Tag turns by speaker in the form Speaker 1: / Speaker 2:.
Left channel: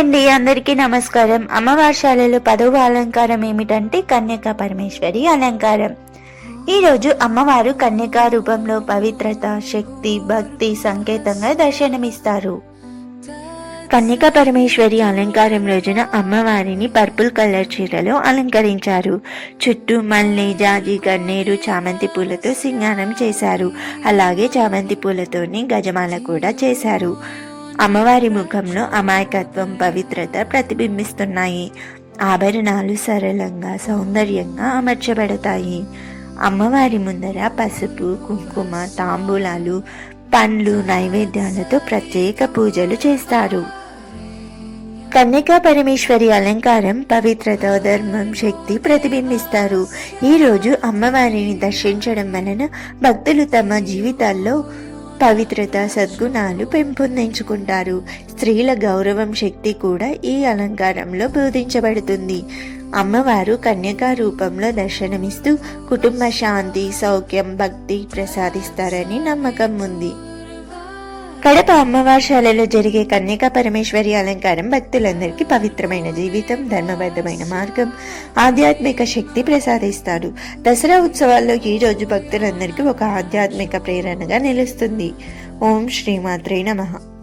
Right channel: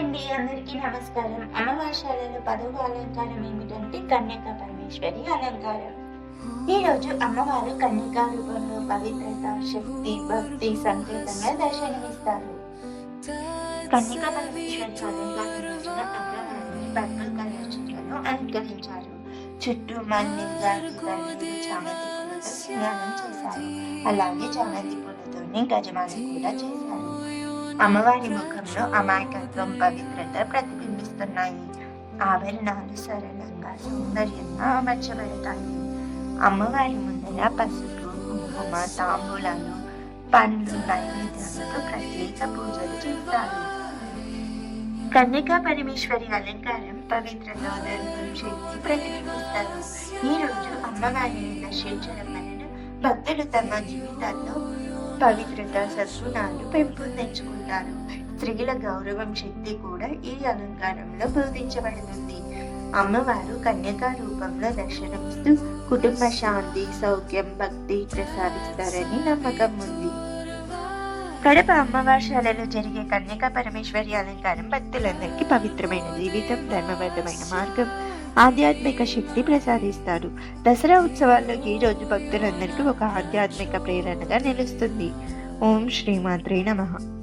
Speaker 1: అండి అందరికీ నమస్కారం. అమ్మవార్షాలలో పదవ అలంకారం ఏమిటంటే కన్యక పరమేశ్వరి అలంకారం. ఈరోజు అమ్మవారు కన్యక రూపంలో పవిత్రత శక్తి భక్తి సంకేతంగా దర్శనమిస్తారు. కన్యక పరమేశ్వరి అలంకారం రోజున అమ్మవారిని పర్పుల్ కలర్ చీరలో అలంకరించారు. చుట్టూ మల్లె జాజి గన్నేరు చామంతి పూలతో సింగారం చేశారు. అలాగే చామంతి పూలతోనే గజమాల కూడా చేశారు. అమ్మవారి ముఖంలో అమాయకత్వం పవిత్రత ప్రతిబింబిస్తున్నాయి. ఆభరణాలు సరళంగా సౌందర్యంగా అమర్చబడతాయి. అమ్మవారి ముందర పసుపు కుంకుమ తాంబూలాలు పండ్లు నైవేద్యాలతో ప్రత్యేక పూజలు చేస్తారు. కన్యకా పరమేశ్వరి అలంకారం పవిత్రత ధర్మం శక్తి ప్రతిబింబిస్తారు. ఈ రోజు అమ్మవారిని దర్శించడం వలన భక్తులు తమ జీవితాల్లో పవిత్రత సద్గుణాలు పెంపొందించుకుంటారు. స్త్రీల గౌరవం శక్తి కూడా ఈ అలంకారంలో బోధించబడుతుంది. అమ్మవారు కన్యకా రూపంలో దర్శనమిస్తూ కుటుంబ శాంతి సౌఖ్యం భక్తి ప్రసాదిస్తారని నమ్మకం ఉంది. కడప అమ్మవార్షాలలో జరిగే కన్యకా పరమేశ్వరి అలంకారం భక్తులందరికీ పవిత్రమైన జీవితం ధర్మబద్ధమైన మార్గం ఆధ్యాత్మిక శక్తి ప్రసాదిస్తాడు దసరా ఉత్సవాల్లో ఈ రోజు భక్తులందరికీ ఒక ఆధ్యాత్మిక ప్రేరణగా నిలుస్తుంది. ఓం శ్రీమాత్రే నమః.